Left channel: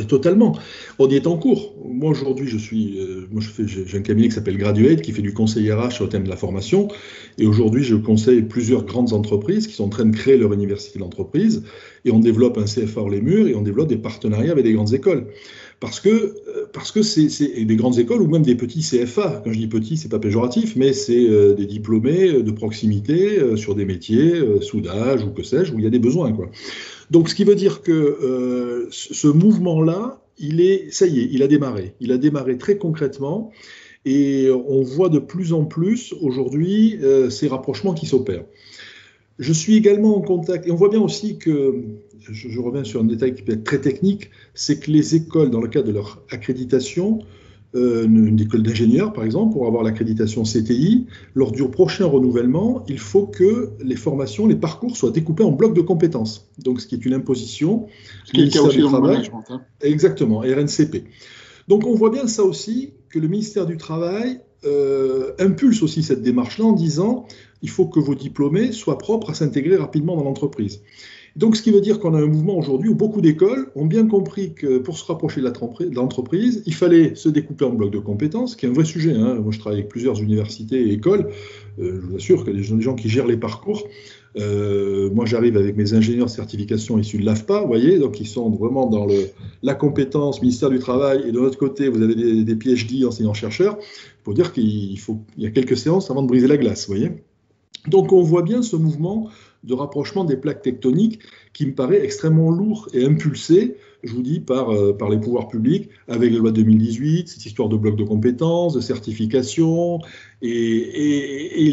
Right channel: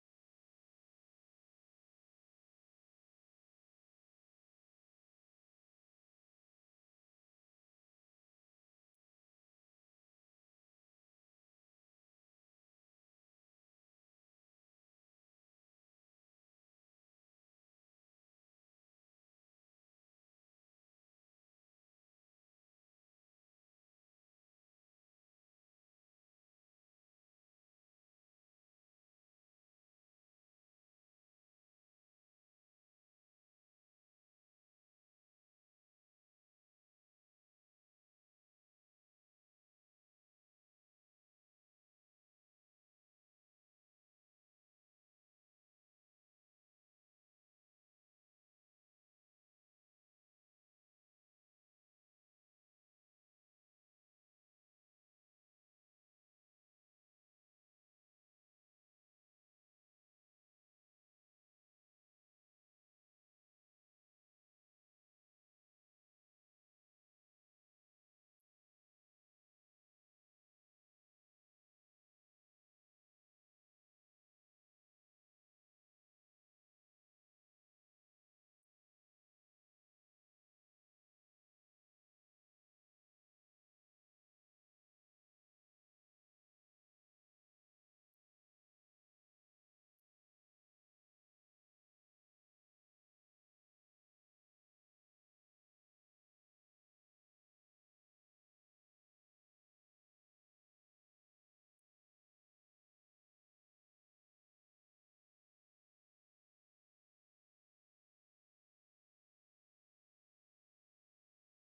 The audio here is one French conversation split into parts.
mais totalement. On y est en cours. Moi, aujourd'hui, j'ai un cabinet qui s'appelle Graduate, qui fait du conseil RH sur le thème de la formation. Et aujourd'hui, je conseille plusieurs grandes entreprises qui sont en train de créer leur université d'entreprise. Et on développe un CFA hors les murs et on développe des partenariats avec des grandes écoles. Parce que et des grandes écoles ou même des petits CFA. Quand je dis petits, c'est pas péjoratif, mais c'est des diplômés de proximité sur des métiers, soudage ou que sais-je, où il y a des besoins, quoi. Donc, ce qui veut dire que ce mouvement-là, ça y est, il a démarré. Il a démarré très concrètement et on voit de plus en plus aujourd'hui ces rapprochements qui s'opèrent. Je suis également en contact, et on voit bien aussi que, je reviens sur un détail qui peut être très technique, c'est que les écoles, dans le cadre de leur accréditation, une école d'ingénieur par exemple, pour avoir l'accréditation CTI, lors du prochain renouvellement, il faut que les formations, les parcours soient découpés en blocs de compétences. Donc, ce qui est une imposition, Ce qui est le cas ministère aussi du dans le Travail, management, hein. exactement, RNCP. Donc, on voit bien ça aussi, que le ministère du Travail impulse aussi cette démarche-là en disant il faut que vos diplômés soient propres à s'intégrer rapidement dans l'entreprise. Donc, ce qui veut dire qu'on a un mouvement aujourd'hui où beaucoup d'écoles ont bien compris que pour se rapprocher de l'entreprise, il fallait se découper en blocs de compétences, qui est un vrai sujet, hein. Moi, je travaille avec plusieurs universités et écoles. Je vous assure que les gens qui gèrent les parcours, moi, j'arrive avec mes ingénieurs de certification issus de l'AFPA, vous voyez, donc ils sont vraiment dans la compétence, ministère du Travail, et de l'autre côté, vous avez des PhD, enseignants-chercheurs, pour dire qu'il y a quelques séances avant de briser la glace, vous voyez. Donc on voit bien ce mouvement de rapprochement des plaques tectoniques qui me paraît extrêmement lourd et impulsé, je vous dis, par les pouvoirs publics, avec la loi 2018, cette histoire de blocs de compétences, de certification, et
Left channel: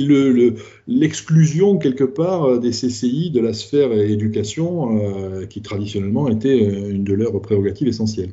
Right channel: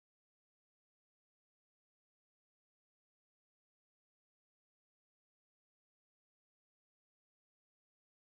l'exclusion quelque part des CCI de la sphère éducation, qui traditionnellement était une de leurs prérogatives essentielles.